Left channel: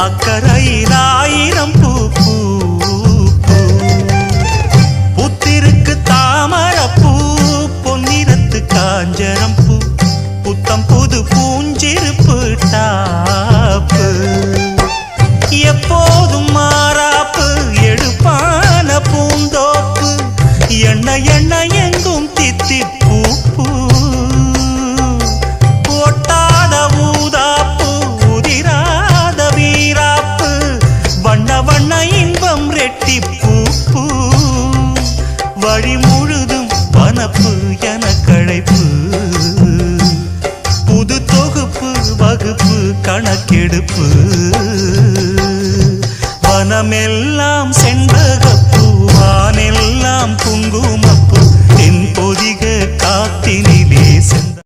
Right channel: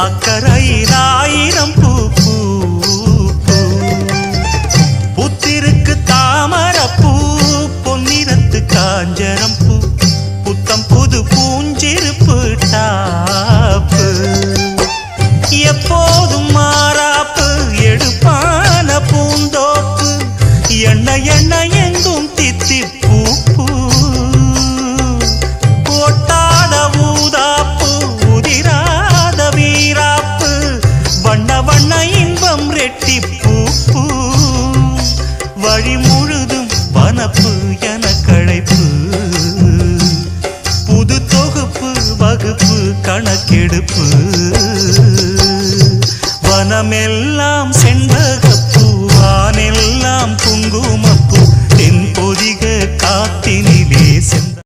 அக்கறையில் ஆயிரம் பூ பூ பூ. புத்திருக்கு தாமரப்பூ பொன்னிறத்து காஞ்சரம் பூ. புத்தம் புது பூஞ்சிருப்பு டாப்பு. எப்போதும் மாறாப்பு எடுப்பான பூந்தோப்பு. எண்ண எண்ண எங்கும் தித்திப்பூ பூ. ஒட்டாத ஊதா இன்பம் ரெட்டிப்பூ பூ. வழி முழுதும் பணப்பு என கழைப்பு புது தொகுப்பு வகுப்பு கணக்கெடுப்பு. வனமெல்லாம் செண்பகப்பூ வானெல்லாம் குங்குமப்பூ. தென்பொதிக காத்தினிலே சென்ற